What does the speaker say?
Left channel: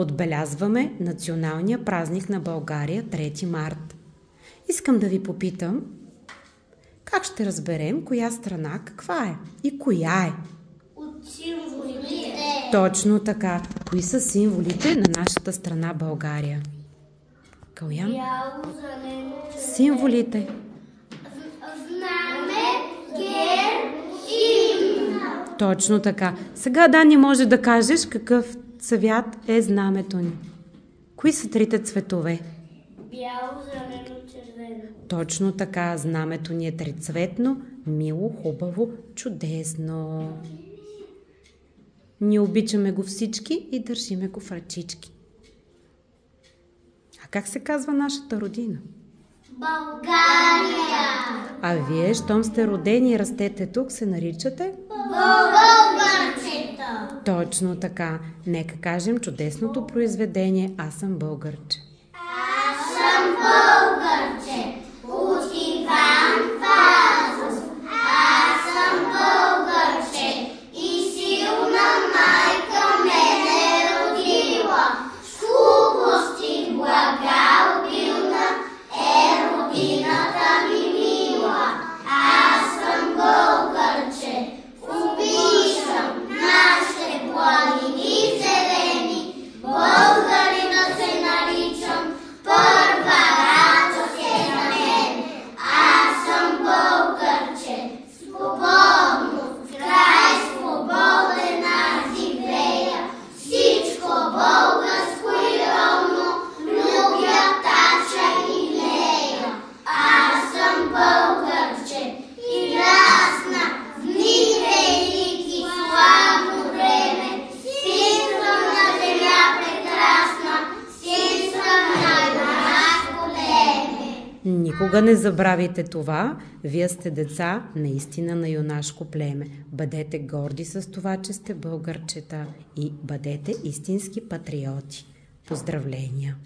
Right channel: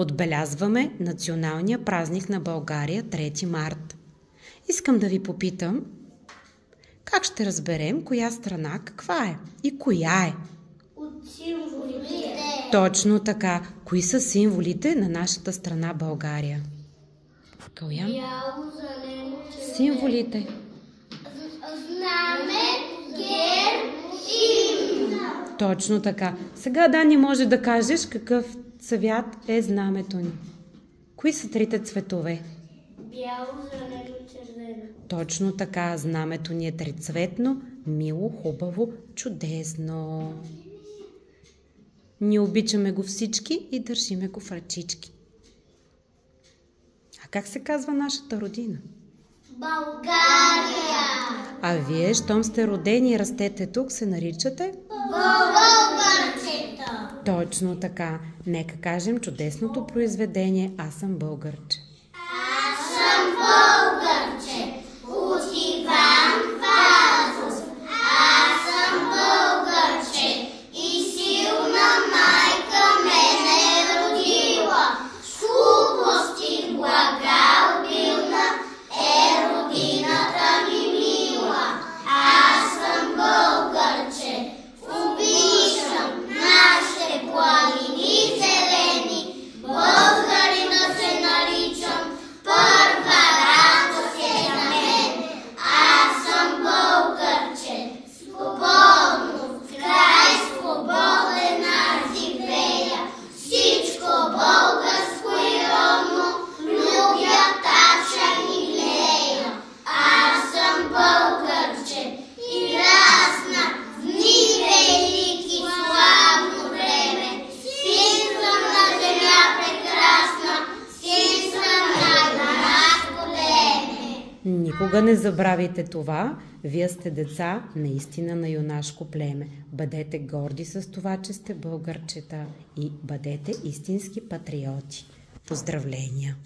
Отбелязваме националния празник на България 3 март. Искам да ви попитам, как ще разберем коя страна каква е и коя е? От символите. Точно така. Кои са символите на нашата страна България? Калян? Бяло, зелено, червено. Символите. Знаме, герб, химн. Точно така. Сега, Дани, може да кажеш какъв цвят е знамето ни. Кои са трите цветове? Бяло, зелено, червено. Точно така. Знамето ни е трицветно, мило, хубаво, чудесно. Ние обичаме го всички и държиме го в ръчички. А как се казва нашата родина? България. А вие, щом сте родени и растете тук, се наричате? Българчета. Точно така. Нека кажем чудесното произведение "Аз съм българче". Аз съм българче. От Иван Вазов. Аз съм българче. И силна майка мене е родила. С хубости блага обилна е родината ми мила. Аз съм българче. Обичам нашите планини зелени. Българина се наричам. Първа радост е на мен. Аз съм българче. Свободно, в край свободен аз живея. Всичко българско и ровно любя, тача и лея. Аз съм българче. И расна в дни велики, славно време. Син съм на земя прекрасна, син съм на юнашко племе. Никога не забравяйте това. Вие сте деца наистина на юнашко племе. Бъдете горди с това, че сте българчета и бъдете истински патриоти. Поздравления!